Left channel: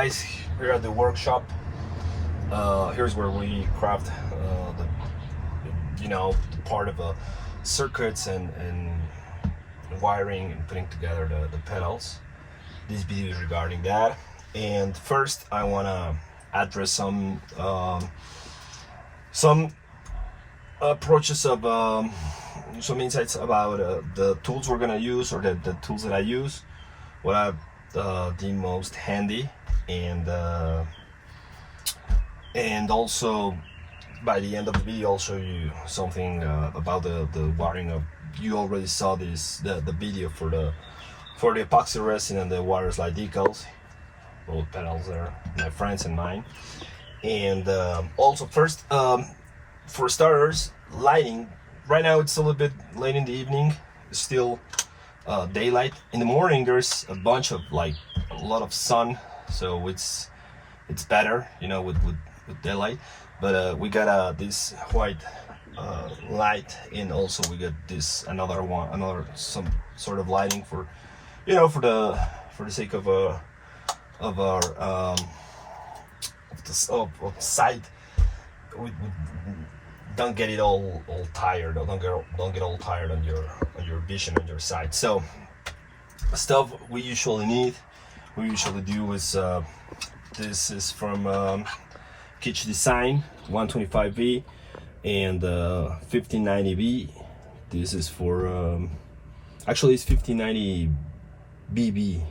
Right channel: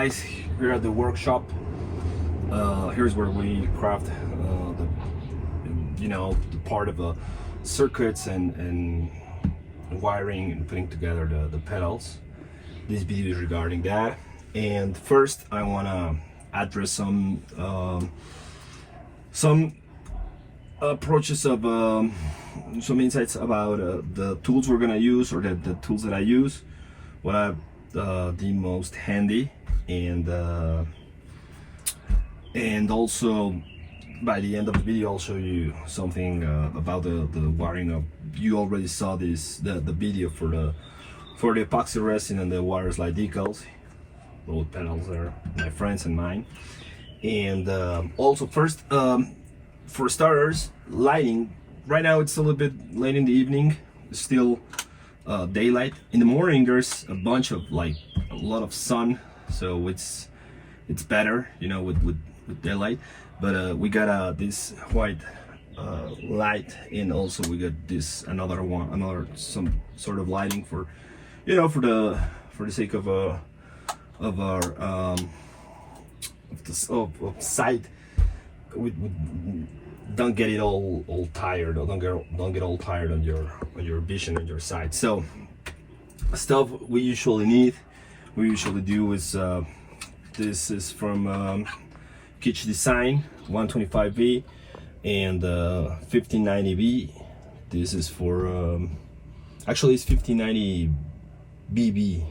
guys, we're at the workshop. Here's where we craft the part of the circuits and wiring and putting together the pedals. This video is regarding that. And first I want to address some approaches of some insights about the tools we're gonna use, or the tools that I use, what I deem most handy, and also by the end of the video I'll show you something about the wiring of. You already saw the video for the epoxy resin and the water slide decals. Both pedals are my friends and mine. And also first, for starters, lighting. Right now it's a little bit late in the evening, it's still daylight. In the morning there's a lot of sun, so it's better, with daylight. But we got this white light, and also we got this some sort of lighting for the sake of our sight. We don't get it all tired, or don't get all tired on your vision, on your sight. So stuff we usually do is this is from Kitsch Design 125V and 1590V. This is for actually it's 1590BB.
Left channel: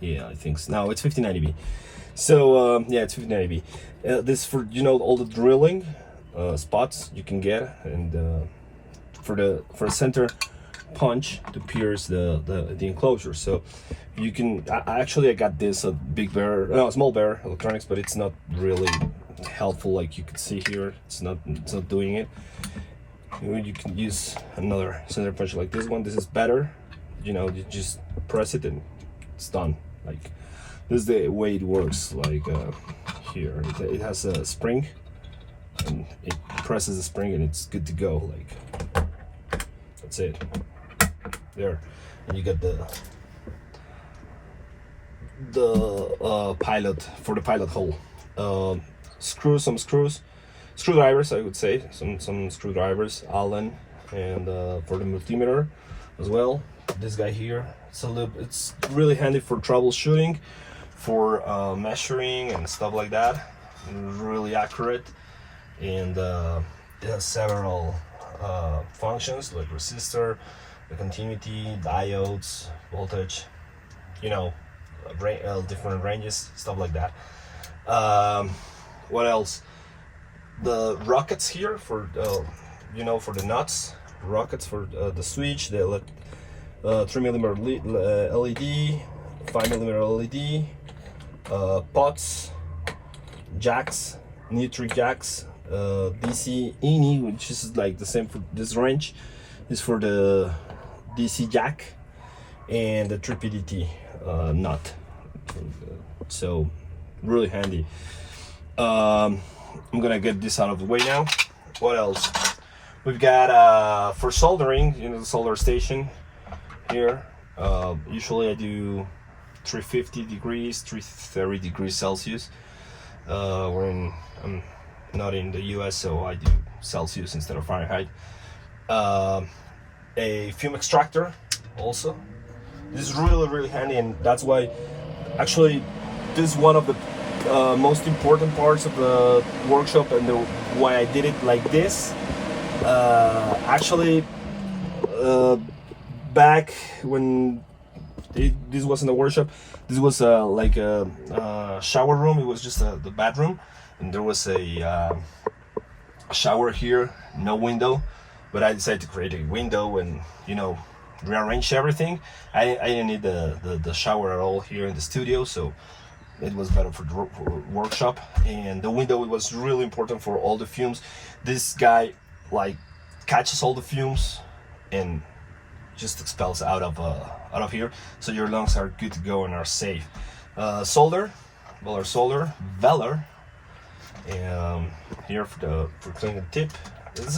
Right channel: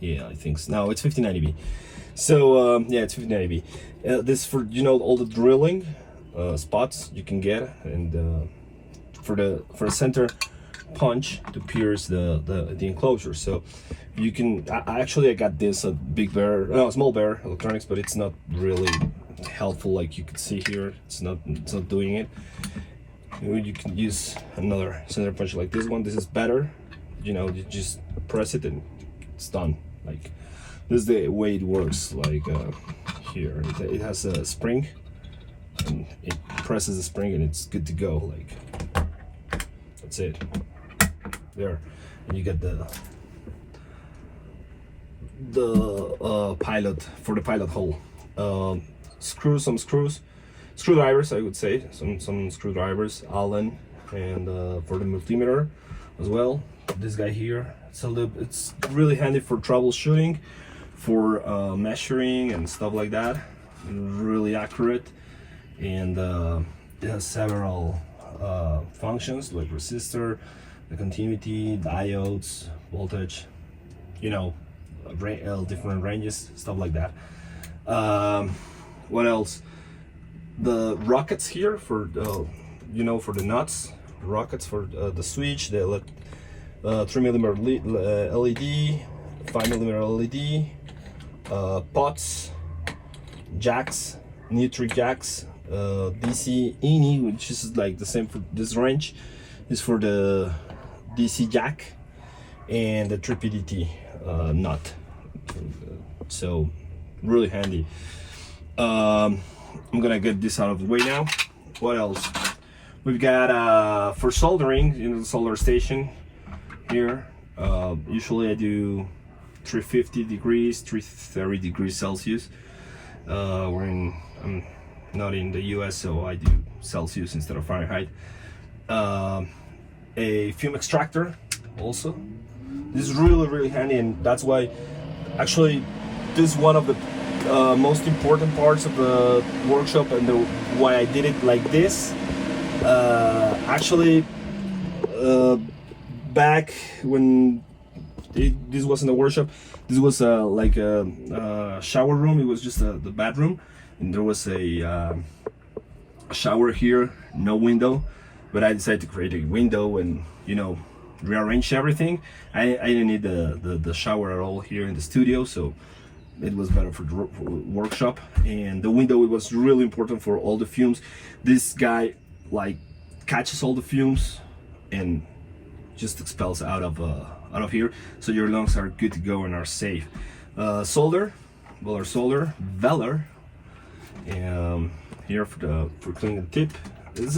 Yeah, I think so. No, it's 1590B. So yeah, it's 1590B. This for all the drilling spots you can get, and for a center punch to pierce the enclosure. So you can I got this Small Bear Electronics, but it's not really helpful. Like you can see here, it's not doing it. You can use another center punch like this one. This is better. You just press it and it's done. Like this is the way it works. Like here it has a spring, and it presses the spring and it's good to go. Like that's it there, and you get the pilot for the pilot hole. Screwdrivers, I would say, some screwdrivers, Allen, and for the multimeter as well. This guy here, it's really handy for troubleshooting, for measuring and stuff like that. Really accurate, and it has several functions like resistor, the continuity, diodes, voltage, different ranges, stuff like that. What else? The rockets here for for the nuts, rockets for the switch, the 3mm LED, 5mm LED, pots, jacks, neutral jacks, DC INI, which is like the same for this wrench, is for the DC jack, and the 3PDT nut. So really handy. I'm gonna get this out of the way now. What else? We've got for soldering, the solder station here. Usually I do 350 degrees, 330 degrees Celsius. I'm not in the US, so I do Celsius instead of Fahrenheit. A fume extractor also. This is really handy, and that's why actually this is one of the most important parts of the workshop, and why I did it like this. Back when this wasn't a workshop, this was like a shower room. It was just the bathroom, and there was a shower here, no window, but I decided to create a window and rearrange everything. I didn't need the shower at all here in the studio, so it was better for the workshop. And the window, it was really important for all the fumes. This guy catches all the fumes and just expels out of here, so your lungs are good to go and are safe. Solder, Velar, and here for cleaning the tip. This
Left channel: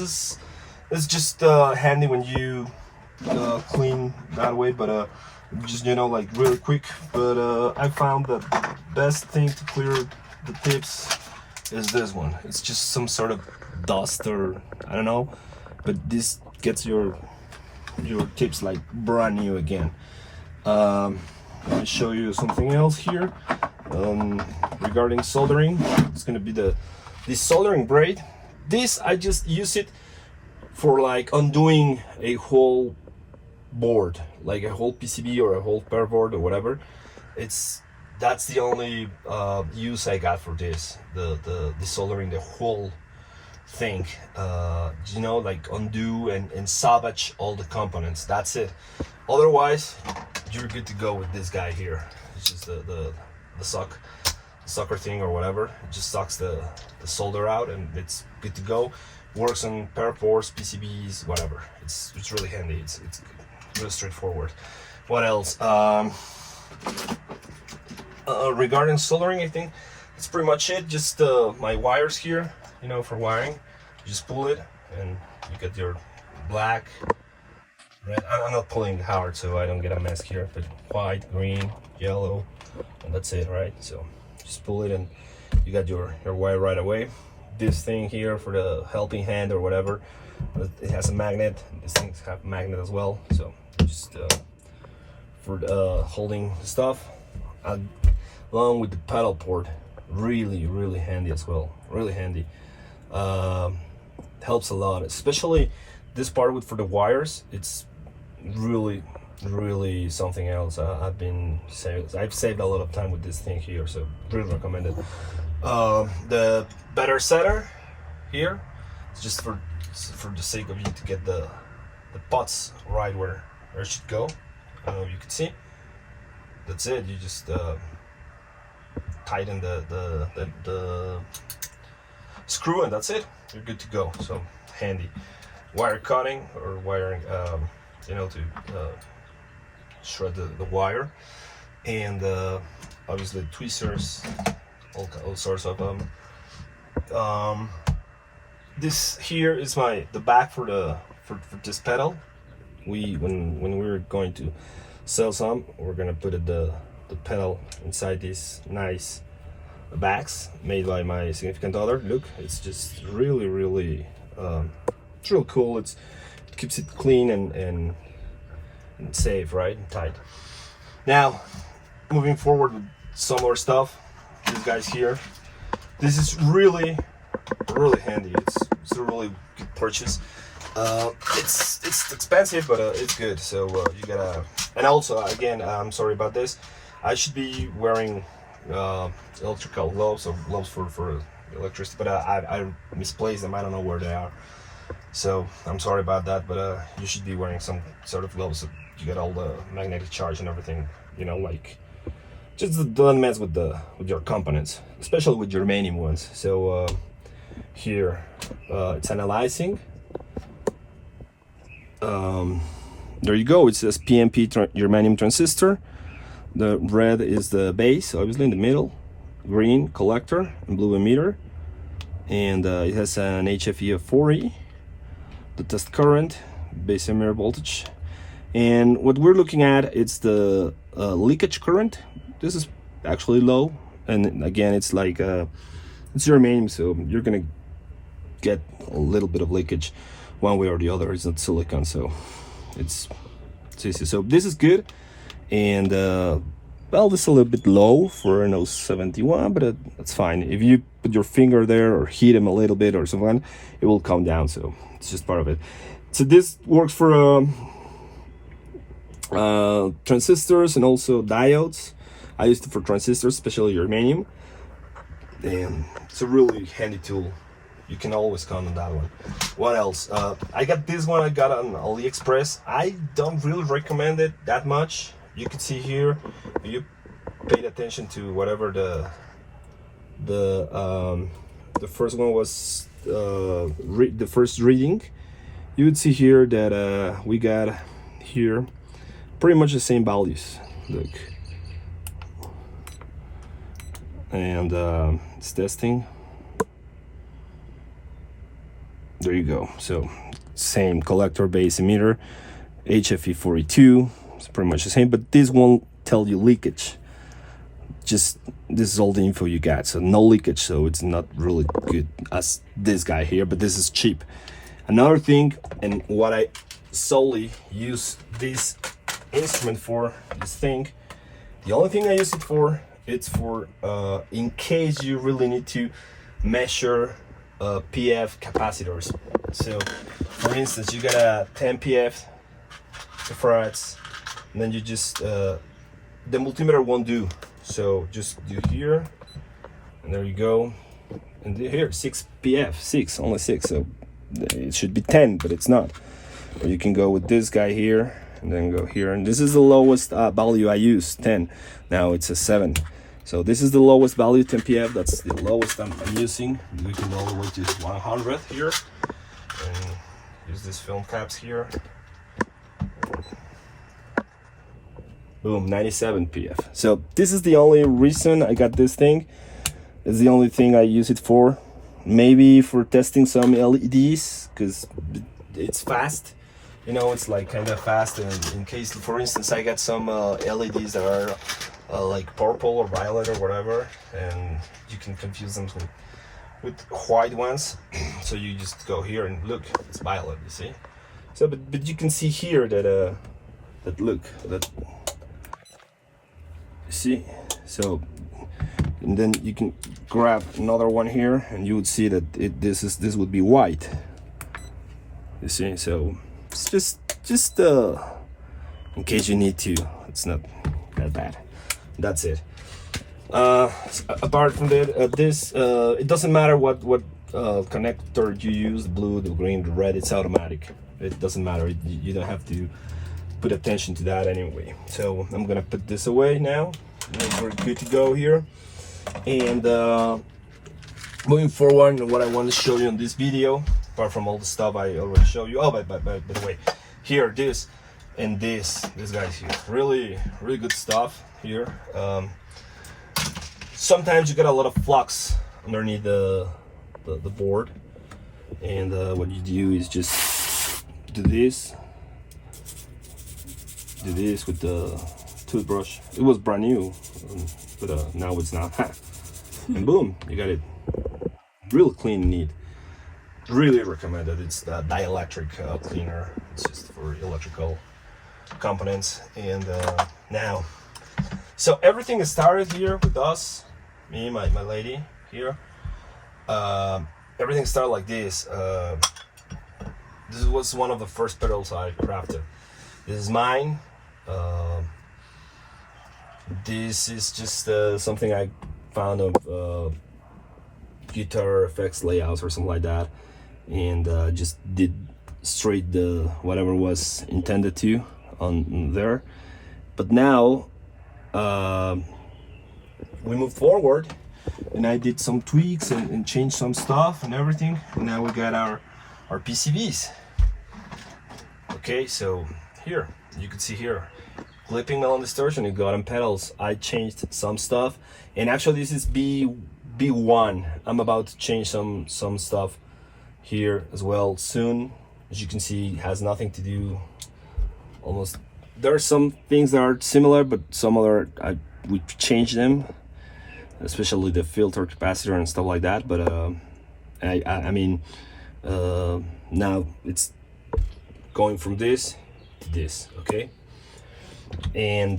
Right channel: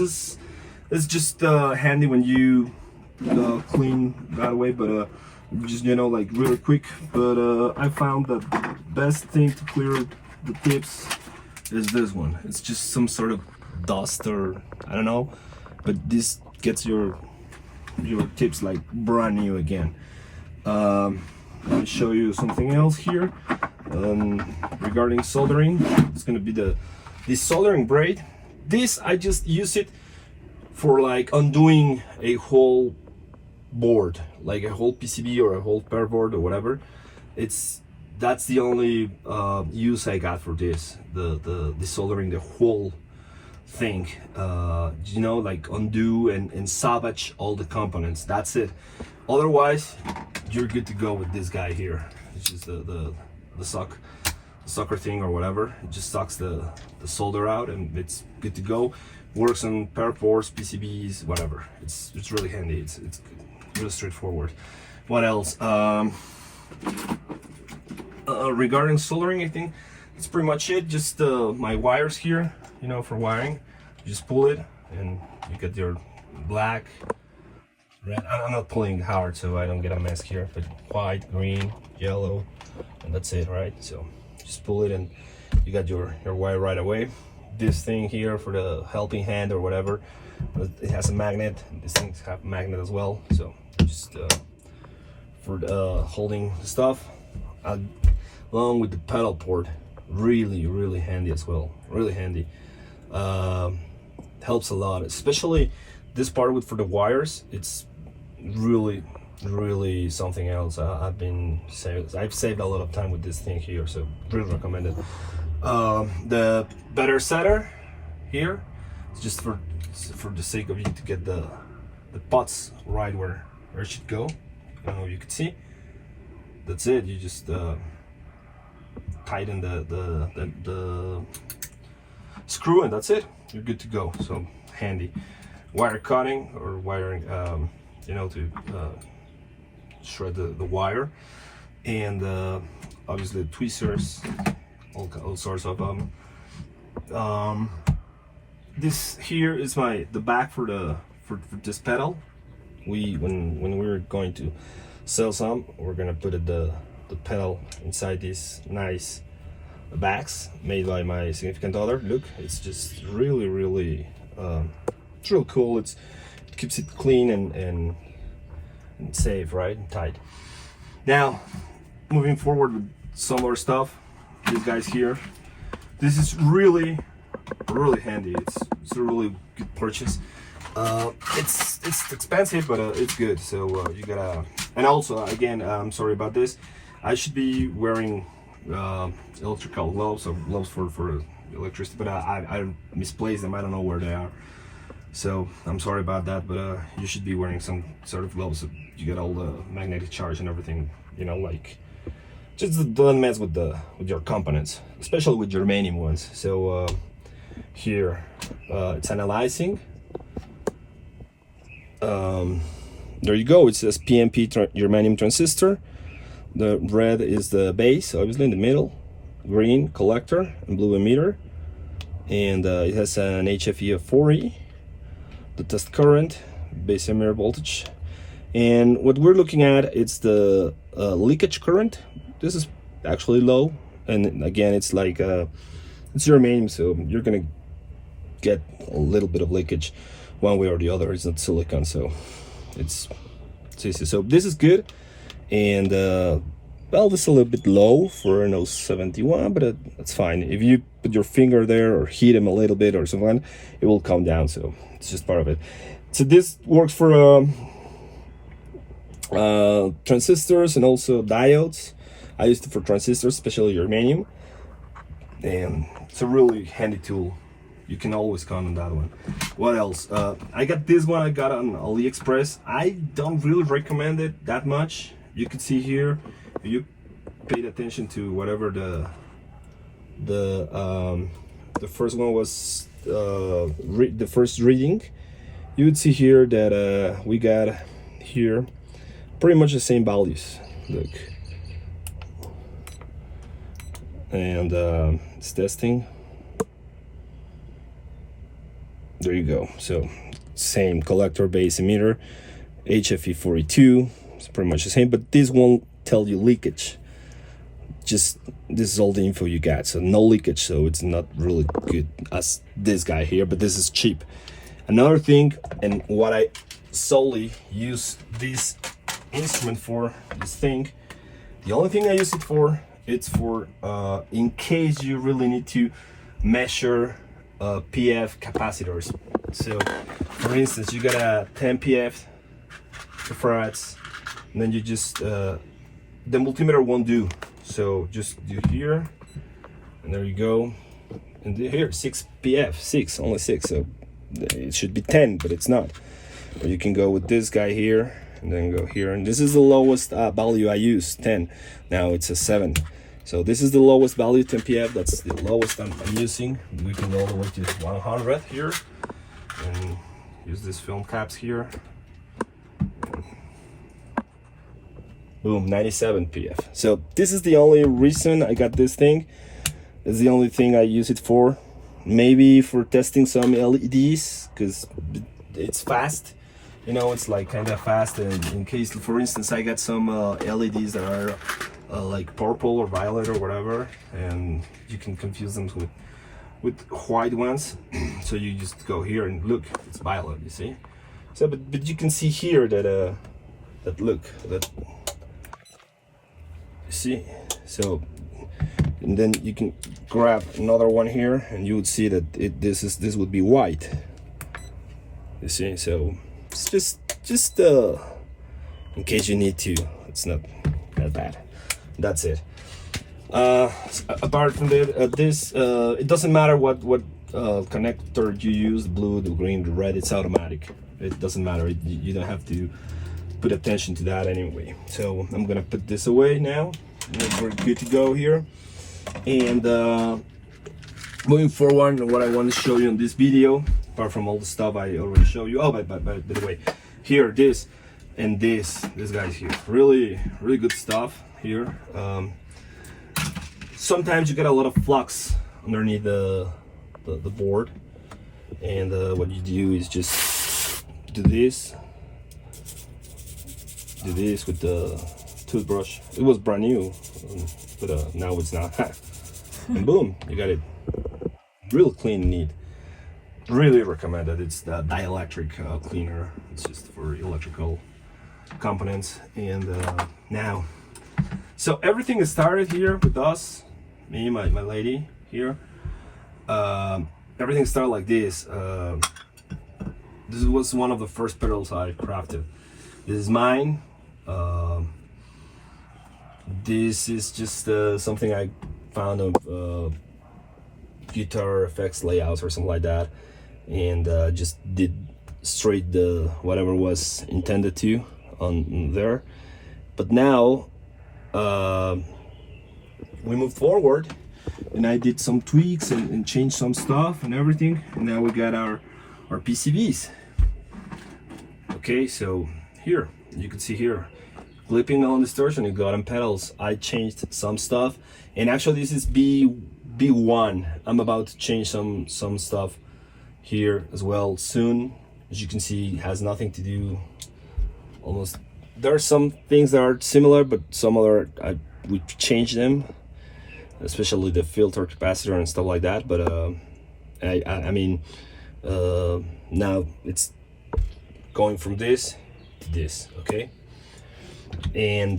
is just handy when you clean that way, but just really quick. But I found that best thing to clear the tips is this one. It's just some sort of dust, or I don't know, but this gets your tips like brand new again. Let me show you something else here. Regarding soldering, it's gonna be this soldering braid. This, I just use it for like undoing a whole board, like a whole PCB or a whole pair board or whatever. That's the only use I got for this, the soldering the whole thing, you know, like undo and salvage all the components. That's it. Otherwise, you're good to go with this guy here. It's just the sucker thing or whatever. It just sucks the solder out and it's good to go. Works on pair boards, PCBs, whatever. It's really handy. It's really straightforward. What else? Regarding soldering, I think that's pretty much it. Just my wires here, you know, for wiring. You just pull it and you get your black, red. I'm not pulling hard so I don't get a mess here, but white, green, yellow, and that's it, right? So just pull it and you got your wire right away. This thing here for the helping hand or whatever, it has a magnet. These things have a magnet as well, so just for holding the stuff, along with the pedal port. Really handy as well. Really handy. Helps a lot, especially this part for the wires. It's really something else. I've saved a lot of time with this thing here, so really recommend it. The better setter here, it's just for the sake of you to get the pots right where it should go. I don't know if you can see. That's it. You just tighten the screw and that's it. You're good to go. So handy. Wire cutting or wiring, you know, to shred the wire, and obviously tweezers, all sorts of them. This here is the back for this pedal. When we were going to sell some, we're gonna put the pedal inside these nice bags made by my significant other. Look, it's just really it's real cool. It keeps it clean and safe, right, and tight. Now moving forward with some more stuff, these guys here, this is really handy. It's a really good purchase. It's expensive, but it's good. So you gotta, and also again, I'm sorry about this, I should be wearing electrical gloves or gloves for electricity, but I misplaced them. I don't know where they are, so I'm sorry about that. But you should be wearing some sort of gloves so you get all the magnetic charge and everything, you know, like just don't mess with your components, especially with germanium ones. So here it's analyzing. There you go. It says PMP germanium transistor. The red is the base, obviously in the middle, green collector, and blue emitter, and it has an HFE of 4E, the test current, base emitter voltage, and what we're looking at is the leakage current. This is actually low, and again, it's like it's germanium, so you're gonna get a little bit of leakage one way or the other. It's not silicon, so it's easy. So this is good. And well, this is a little bit low for an 071, but that's fine. If you put your finger there or heat them a little bit or something, it will come down. So it's just part of it. So this works for transistors and also diodes. I used it for transistors, especially germanium, and it's a really handy tool. You can always count on that one. What else? I got this one. I got on AliExpress. I don't really recommend it that much. You can see here, if you paid attention to whatever the first one was, the first reading, you would see here that we got here pretty much the same values. Look, and it's testing. There you go. So same collector, base emitter, HFE 42. It's pretty much the same, but this won't tell you leakage. just this is all the info you got. So no leakage, so it's not really good as this guy here, but this is cheap. Another thing, and what I solely use this instrument for, this thing, the only thing I use it for, it's for in case you really need to measure PF capacitors. So for instance, you got a 10 PF farads, and then you just the multimeter won't do, so just do here, and there you go, and here 6 PF, 6, only 6, so it should be 10, but it's not. Or you can go with this guy here and then go here, and this is the lowest value I use, 10. Now it's a 7, so this is the lowest value, 10 PF. That's the lowest I'm using. We can go all the way to 100 here and use these film caps here. Boom, 97 PF. So this is the only reason I got this thing. It's the only thing I use it for. Maybe for testing some LEDs, because it's fast, you know, it's like kind of fast. And in case, for instance, I got some LEDs that are like purple or violet or whatever, and you can confuse them with white ones. So you just go here and look, it's violet, you see. So but you can see here that that you see. So and then you can grab another one here, and you would see that this would be white. You see, so it's just in case you need to. It's not that bad. That's it. Apart from that, this it doesn't matter what connector you use, the blue, the green, the red. It's automatic. It doesn't matter. You don't have to put attention to that anyway. So I'm gonna put this away now. We're good to go here. And moving forward, what I want to show you in this video, apart from all the stuff I already showed you. Oh, by the way, here, this and this guys here, really good stuff here. Sometimes you get a lot of flux underneath the board, and what you do is just do this with the toothbrush. It was brand new, but now it's not. And boom, you got it real clean and neat. Really recommended. It's the dielectric cleaner. It's just for electrical components. And now, so everything is started here with us, me, my lady here. Everything started like this. This was one of the first pedals I crafted. This is mine. This is just something I found of guitar effects layouts or something like that, and just did straight the whatever was intended to on there. But now we moved forward, and I did some tweaks and changed some stuff and everything, and now we got our PCBs. Okay, so here you can see here, clipping on distortion and bottom pedals. I changed some stuff, and actually this is B1. I'm about to change some stuff here as well soon. As you can see, it has nothing to do. Almost there are some things that are similar, but some other we changed them, especially the filter capacitor and stuff like that. But I mean, now it's going from this to this, okay? And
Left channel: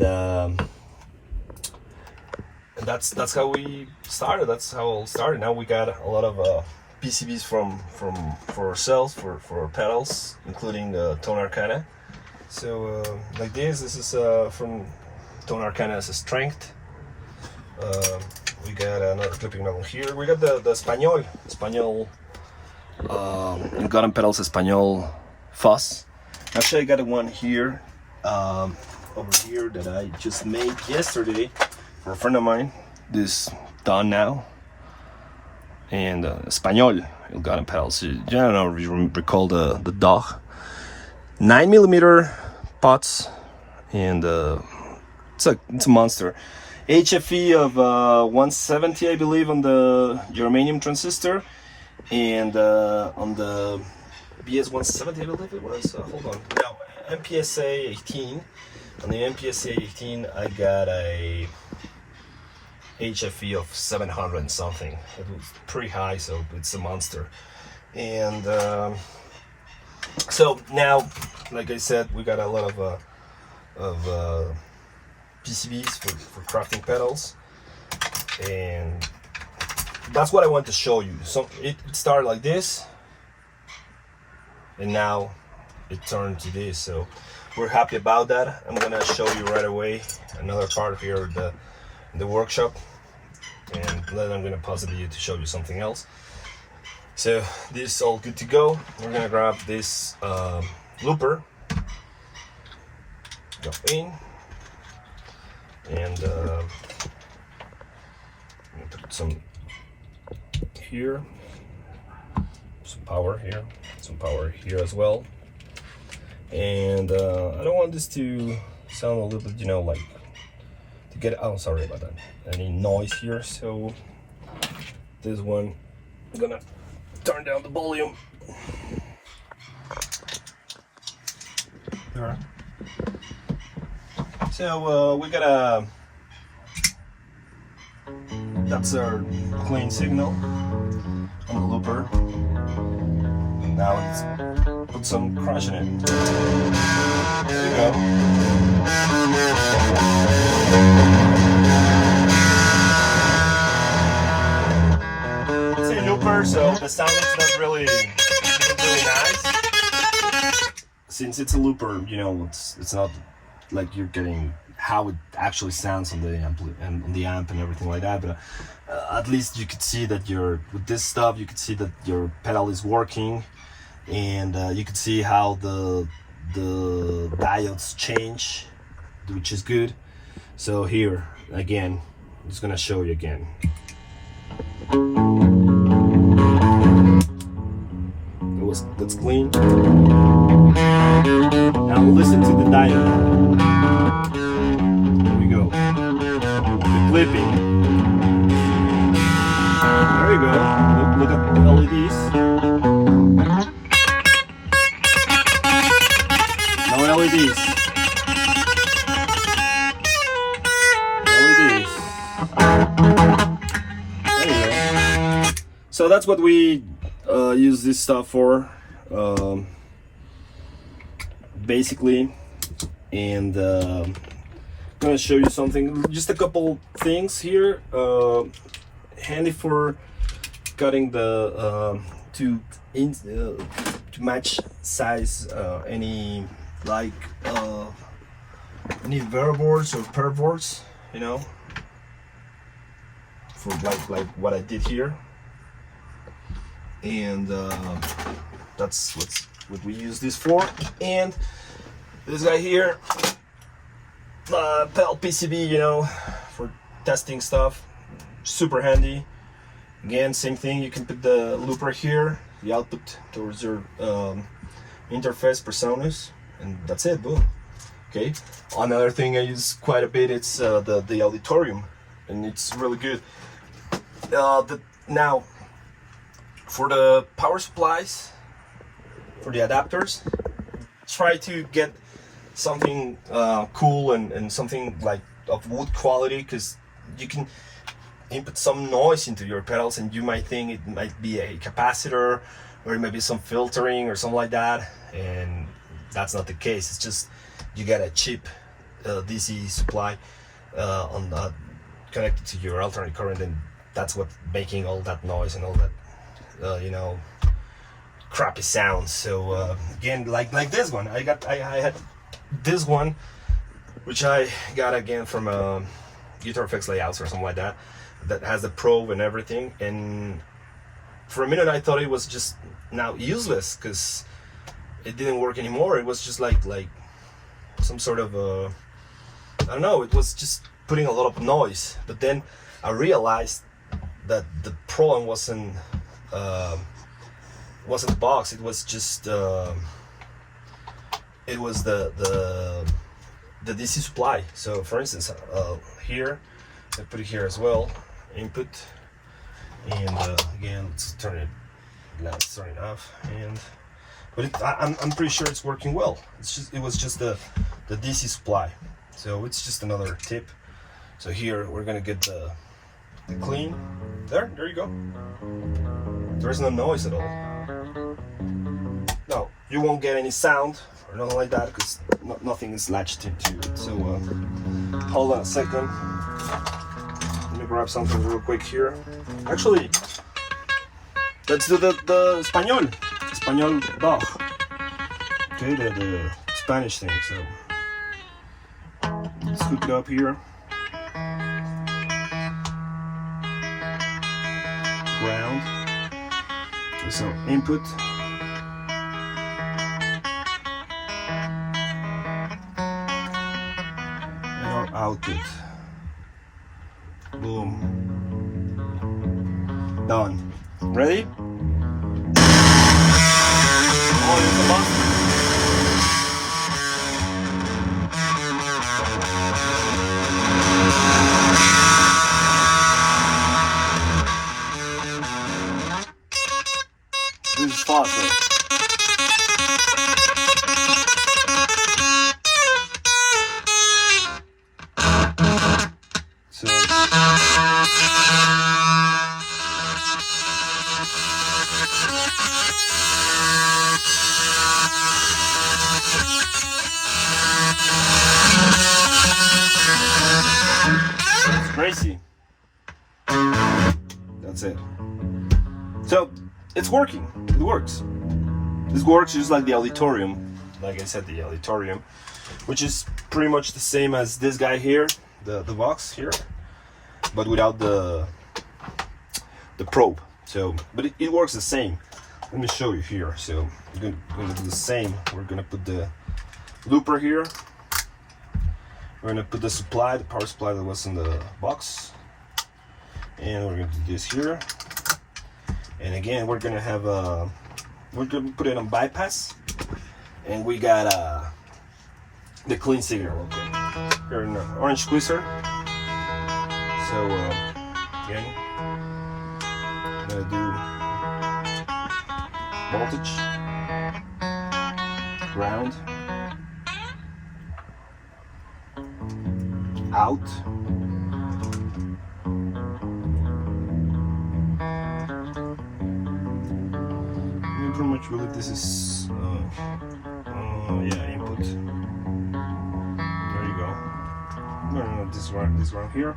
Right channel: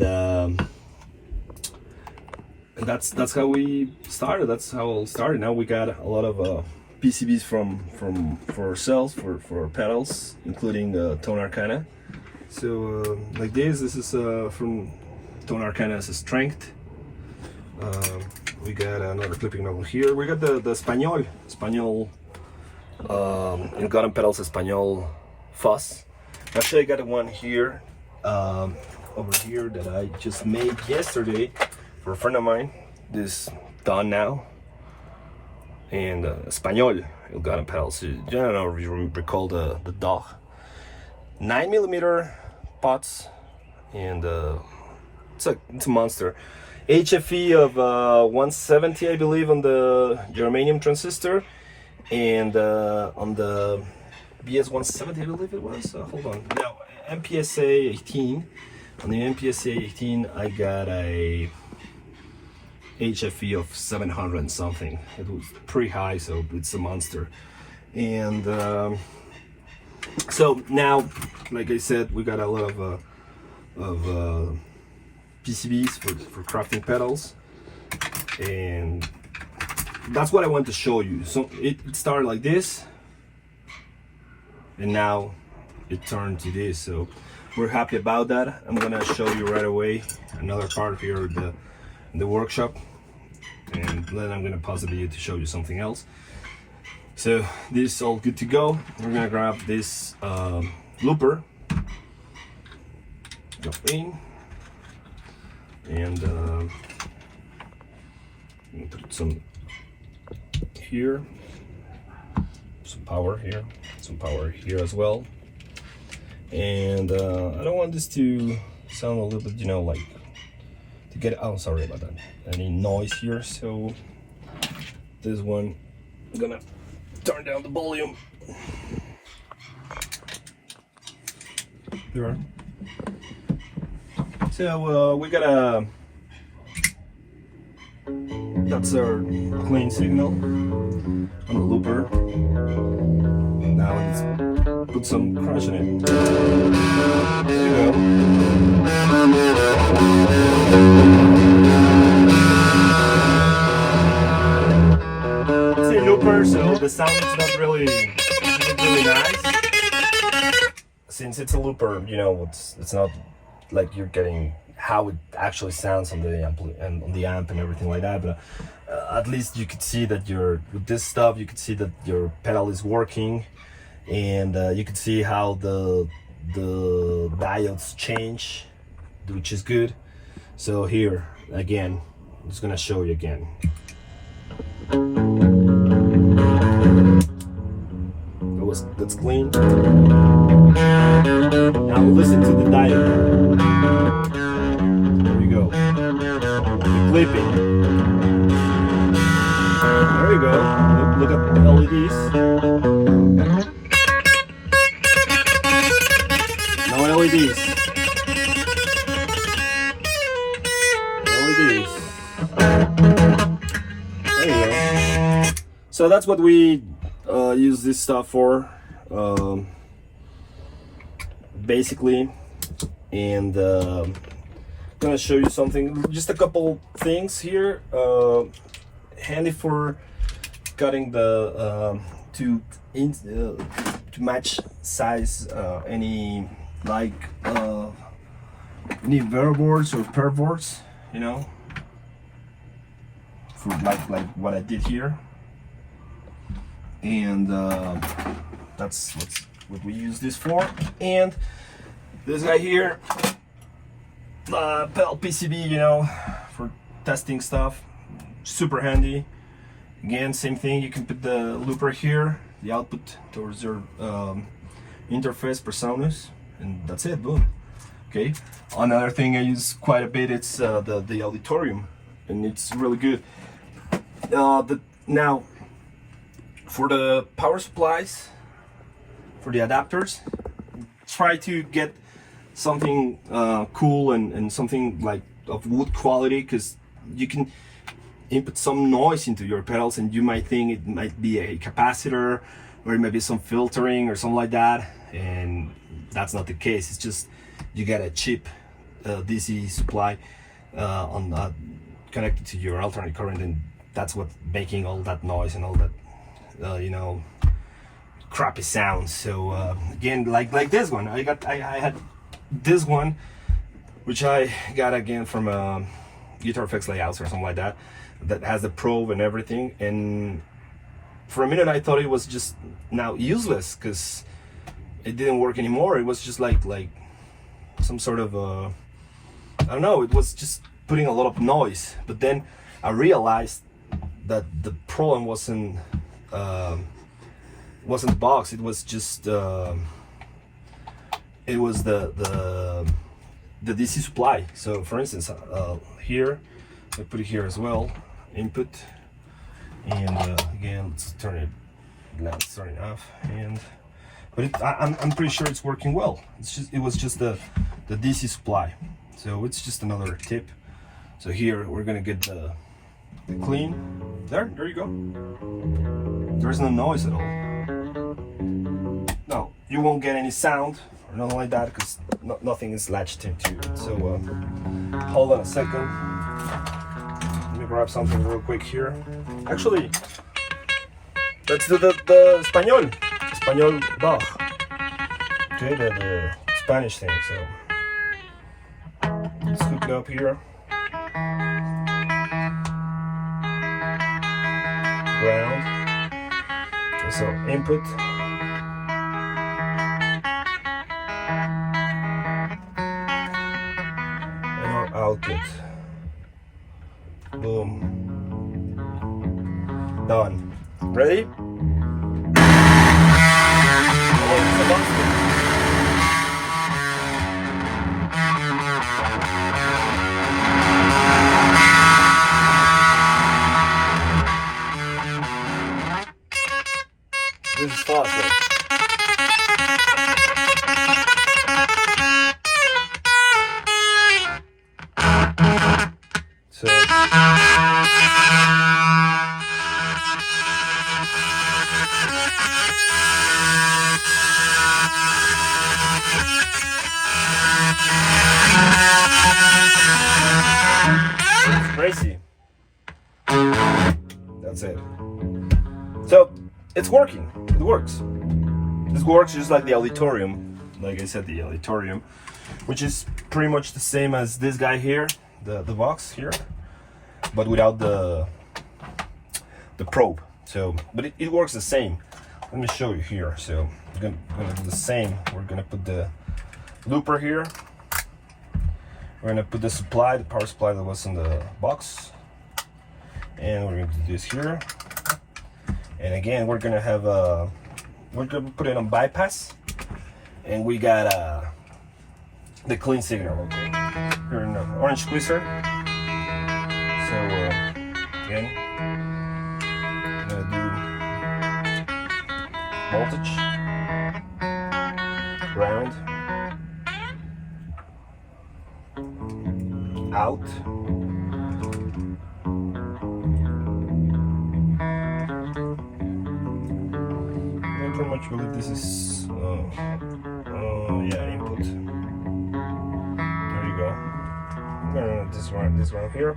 that's how we started. That's how it all started. Now we got a lot of PCBs for ourselves, for our pedals, including Tone Arcana. So like this is from Tone Arcana's Strength. We got another clipping over here. We got the Español Garden Pedals Español Fuzz. Actually, I got one here over here that I just made yesterday for a friend of mine. This done now, and Español Garden Pedals. I don't know if you recall the dog. 9mm pots, and it's a monster. HFE of 170, I believe, on the germanium transistor, and on the BS 170, I believe it was. Hold on. Now, MPSA 18. On the MPSA 18, I got a HFE of 700 and something. It was pretty high, so it's a monster. And so now, like I said, we got a lot of PCBs for crafting pedals, and that's what I want to show you. So it started like this, and now it turned to this. So we're happy about that. I'm gonna show you right away another part here in the workshop, and then I'm gonna pause the video to show you something else. So this is all good to go. We're gonna grab this looper, go in, and put some here, some power here, some power here as well. And I don't want this to sound a little bit, you know, like to get, oh, sorry about that, any noise here. So this one, I'm gonna turn down the volume here. So we got a, that's our clean signal on the looper. Now let's put some crunch in it. There you go. It's a looper, so the sound is not really nice. Since it's a looper, you know, it's not like you're getting how it actually sounds on the amp and everything like that, but at least you could see that with this stuff you could see that your pedal is working, and you could see how the diodes change, which is good. So here again, I'm just gonna show you again. That's clean. Now listen to the diode. There we go. The clipping. There you go. Look at the LEDs. No LEDs. LEDs. There you go. So that's what we use this stuff for, basically. And gonna show you something, just a couple things here, handy for cutting the to match size any like any inverter boards or per boards, you know, for like what I did here. And that's what we use this for. And this guy here, pedal PCB, you know, for testing stuff, super handy. Again, same thing, you can put the looper here, the output towards your interface PreSonus, and that's it, boom. Okay, another thing I use quite a bit, it's the auditorium, and it's really good. Now, for the power supplies, for the adapters, try to get something cool and something like of wood quality, because you can input some noise into your pedals and you might think it might be a capacitor or it might be some filtering or something like that, and that's not the case. It's just you get a cheap DC supply connected to your alternate current, and that's what making all that noise and all that you know, crappy sounds. So again, like this one, I had this one, which I got again from Guitar Effects Layouts or something like that, that has a probe and everything. And for a minute I thought it was just now useless because it didn't work anymore. It was just like some sort of I don't know, it was just putting a lot of noise. But then I realized that the problem wasn't the box, it was just it was the DC supply. So for instance, here I put it here as well, input, and again, let's turn it, now it's turning off, and but I'm pretty sure it's working well. It was just the DC supply. So it's just another tip. So here we're gonna get the clean. There you go. There's no noise at all. No, you won't get any sound or nothing like that because nothing is latched into it. So hold on a second. Let me grab something real quick here. Actually, let's do the Espanol bar. Okay, the Spanish thing. So let's hook it up here. Ground. So input. And our output. Boom. Done. Ready? This is fast, right? So it's crazy. That's it. So it's working. It works. This works just like the auditorium. Like I said, the auditorium, which is pretty much the same as this guy here, the box here, but without the probe. So, but it works the same. Let me show you here. So we're gonna do the same. We're gonna put the looper here. We're gonna put the supply, the power supply that was in the box, and we're gonna do this here. And again, we're gonna have we're gonna put it on bypass, and we got the clean signal. Okay, here in the orange squeezer. So again, I'm gonna do voltage, ground, out. I pretty much believe this is yeah, input. There you go. I'm gonna run this one here,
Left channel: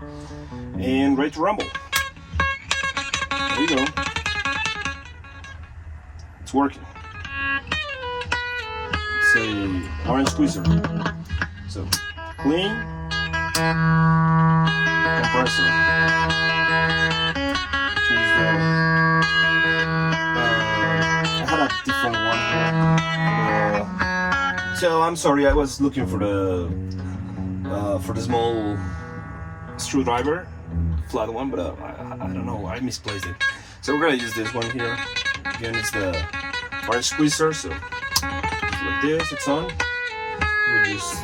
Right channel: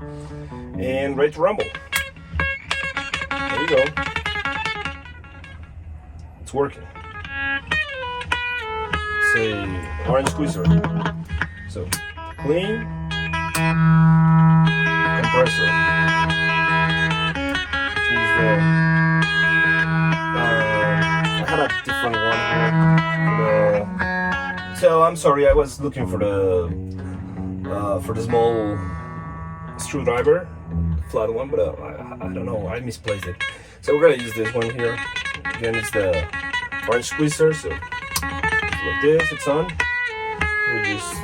and ready to rumble. There you go. It's working. It's a orange squeezer. So clean, compressor. Choose the. I had a different one here. So I'm sorry, I was looking for the small screwdriver, flat one, but I don't know, I misplaced it. So we're gonna use this one here. Again, it's the orange squeezer. So it's like this, it's on. We just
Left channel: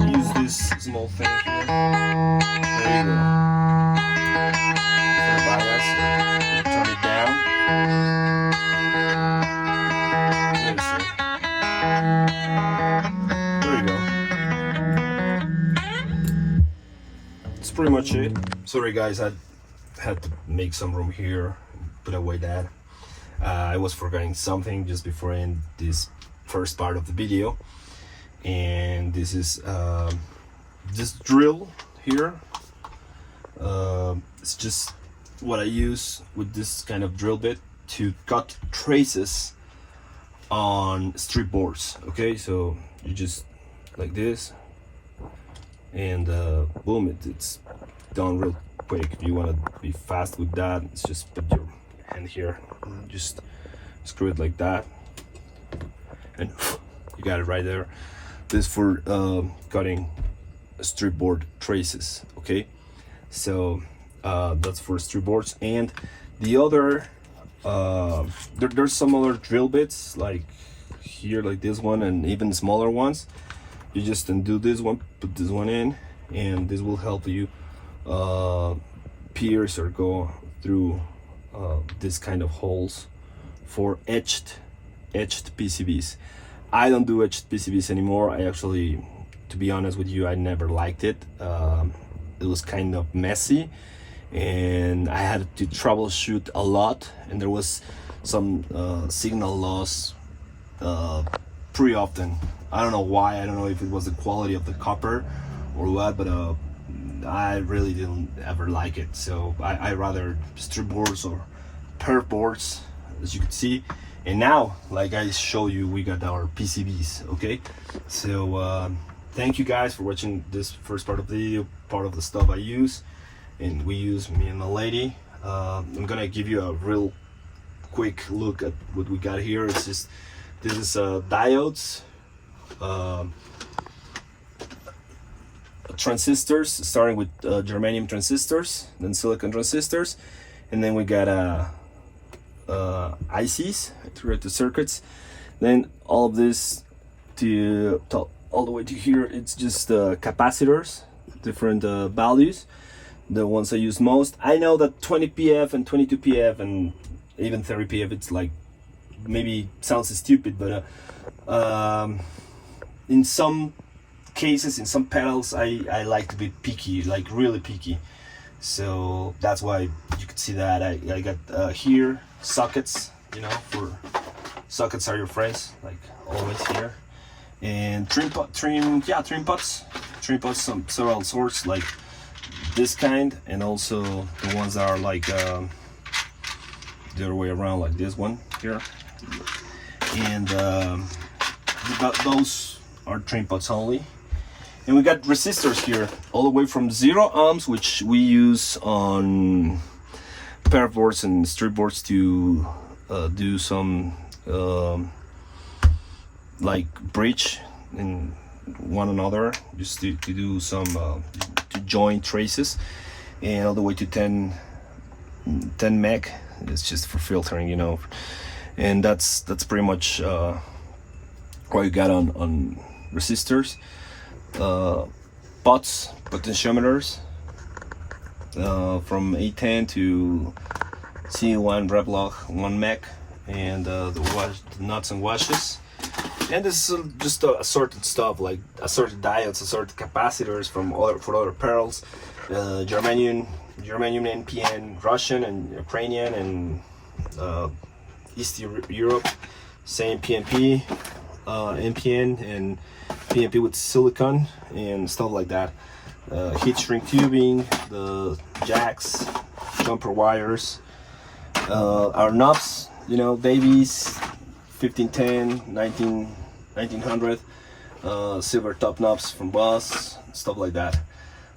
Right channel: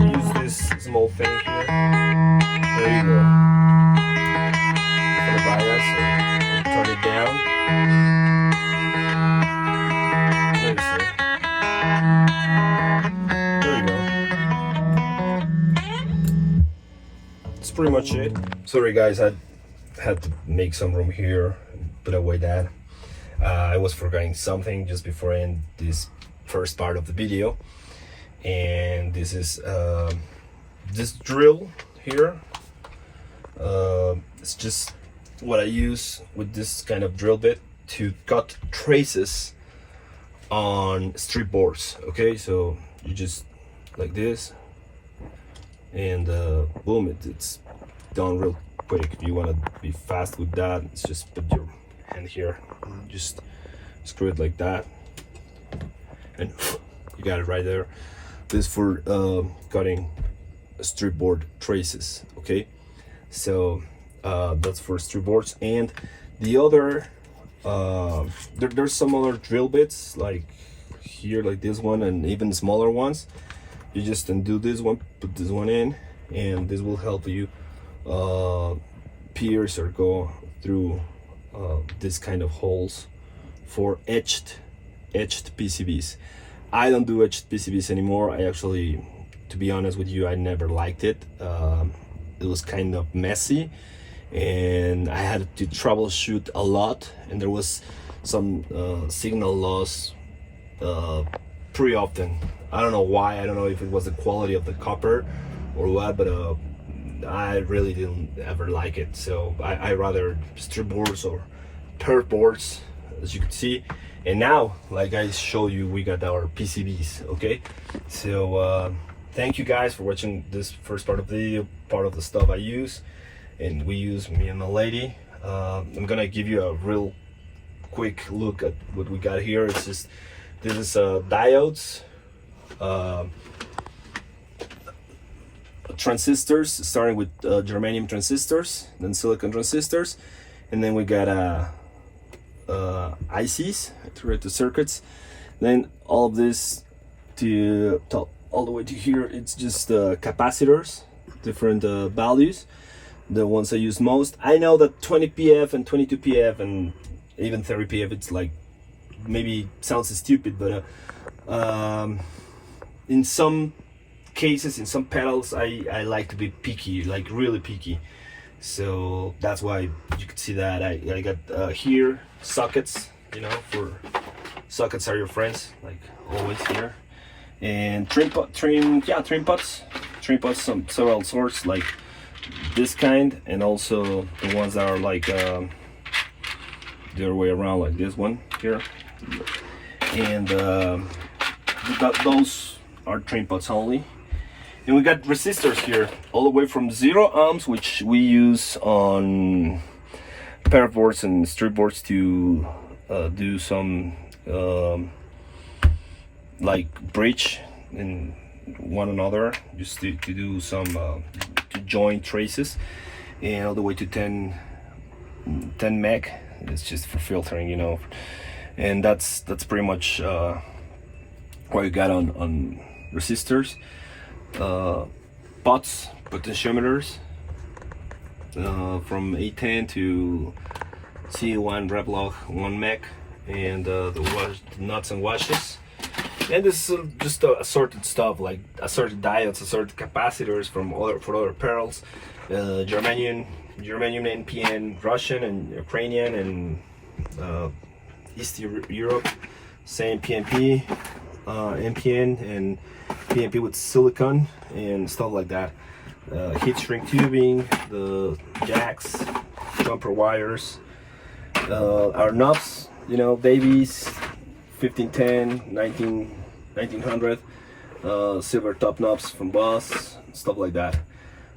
use this small thing here. There you go. For the bias, so turn it down. There you go. That's pretty much it. Sorry guys, I had to make some room here, put away that. I was forgetting something just before I end this first part of the video. And this is this drill here. It's just what I use with this kind of drill bit to cut traces on strip boards. Okay, so you just like this, and boom, it's done real quick. If you want to be fast with that, it's just put your hand here and just screw it like that, and you got it right there. This for cutting strip board traces. Okay, so that's for strip boards. And the other there's some other drill bits like here, like this one, and even smaller ones. You just undo this one, put this one in, and this will help you pierce or go through this kind of holes for etched PCBs. I don't do etched PCBs anymore. I actually, to be honest with you, I never liked it. It was kind of messy, and I had to troubleshoot a lot, and there was some signal loss pretty often. I don't know why. I don't know if it was the quality of the copper or what, but I really didn't ever like it. So I rather strip boards or perf boards, as you can see. And now, like I showed you, we got our PCBs. Okay, so thank you guys for watching this first part of the video, part of the stuff I use and we use, me and my lady. I'm gonna give you a real quick look at what we got here. It's just, this is diodes, transistors, starting with germanium transistors, then silicon transistors, and then we got ICs, integrated circuits. Then all of this to all the way to here, it's just capacitors, different values, the ones I use most. I know that 20 PF and 22 PF and even 30 PF, it's like, maybe sounds stupid, but in some cases, in some pedals, I like to be picky, like really picky. So that's why you can see that I got here sockets, you know, for sockets are your friends, like always here. And trim pots, some several sorts, like this kind, and also the ones that are like the other way around, like this one here. And those are trim pots only. And we got resistors here, all the way from 0 ohms, which we use on pair boards and strip boards to do some like bridge in one another, just to do some to join traces, and all the way to 10 meg. It's just for filtering, you know. And that's pretty much what you got on resistors. Pots, potentiometers, from A10 to C1 Revlog 1 meg, and the nuts and washes. And this is just assorted stuff, like assorted diodes, assorted capacitors for other perils, Germanium NPN, Russian and Ukrainian, and East Europe, same PNP, NPN, and PNP with silicon and stuff like that. Heat shrink tubing, the jacks, jumper wires, our knobs, you know, Davies, 1510, 1900, silver top knobs from Boss, stuff like that.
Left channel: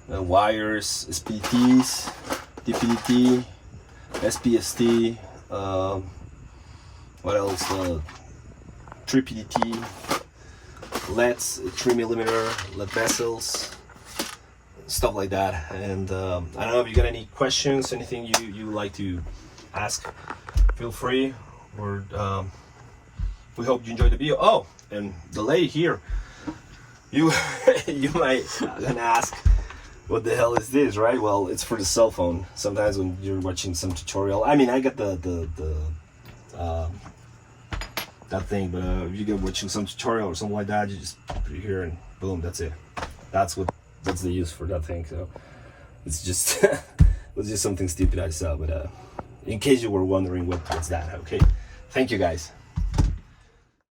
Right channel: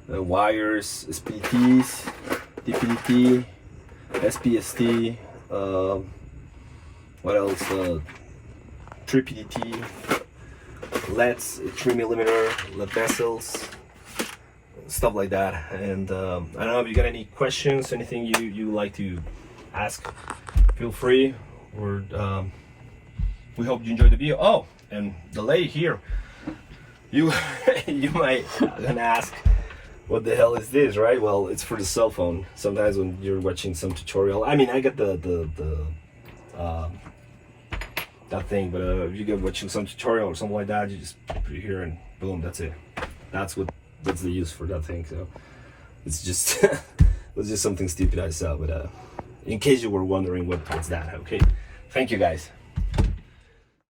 Wires, SPDTs, DPDT, SPST, what else? 3PDT, LEDs, 3mm LED vessels, stuff like that. And I don't know if you got any questions, anything you like to ask, feel free. We hope you enjoyed the video. Oh, and the lady here, you might gonna ask, what the hell is this, right? Well, it's for the cell phone. Sometimes when you're watching some tutorial, I mean, I got that thing, but if you get watching some tutorial or something like that, you just put it here and boom, that's it. That's the use for that thing. So it's just it's just something stupid I saw, but in case you were wondering what's that, okay? Thank you guys.